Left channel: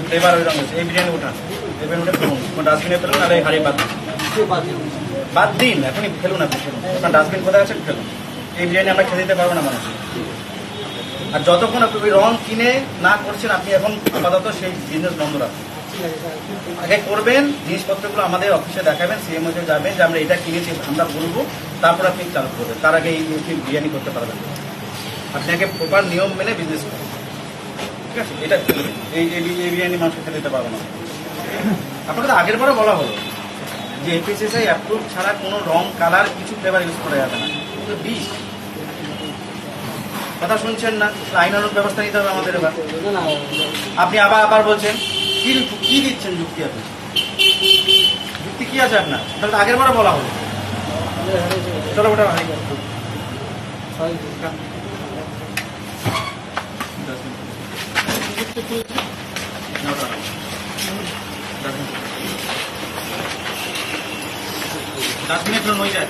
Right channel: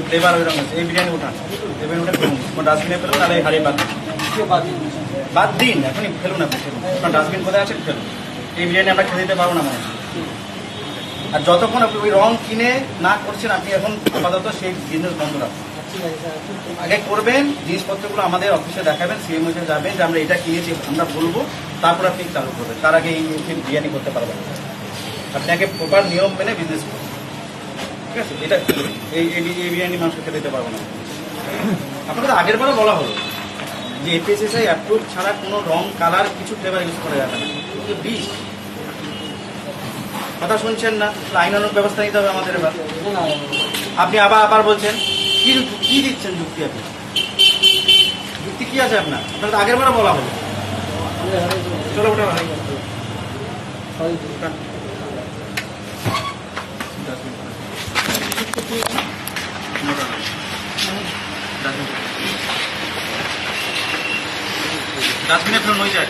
ওই ফ্লেভার ওই রঙ আছে। এই বিরিয়ানি ওঠান, এই বিরিয়ানি ওটা ফেলুন, ডাস্টবিনে ফেলুন, আর এই হাড়ি বাদ দিন, এখনই ফেলুন, আপনি ফেলুন, আপনার ডাস্টবিন কোথায় আছে ফেলুন। এই বিরিয়ানি আমরা খেতে দিতে পারবো না মানুষ। আর যতক্ষণ আপনি ওই রং কিনে না করছেন, আপনি এখন আপাতত সেই বিজনেস বন্ধ রাখুন। আগে করবেন, জিনিসপত্রগুলো আমাদের অফিসে দেখাবেন, সিএমও যাবেন যে আমরা এটা কিনেছি, আমরা বলবো, তারপর আপনি চালু করবেন। তার আগে এই বিরিয়ানি করতে পারবেন না। আপনি আগে প্রপার নিয়ম মেনে বিজনেস করুন, ঠিক আছে? এটা এই বিরিয়ানি মানুষকে খেতে দিতে পারবো না। আপনাকে তো আগের বারও বলা হলো যে এফএসএসআই অ্যাপ্রুভ ছাড়া কোনো রং, কালার, কিছু ফ্লেভার ইউজ করা যাবে না। কিন্তু বিষ কথা শুনছেন না, আইনানুগ ব্যবস্থা নিতে হবে আমাদের। এবার আপনি আবার বলছেন কি দিচ্ছেন যুক্তি? আপনি যুক্তি কি আছে আপনার? আপনার আগের বারে বলা হলো। চলো ওটা ডাস্টবিনে ফেলুন, ওই যায়।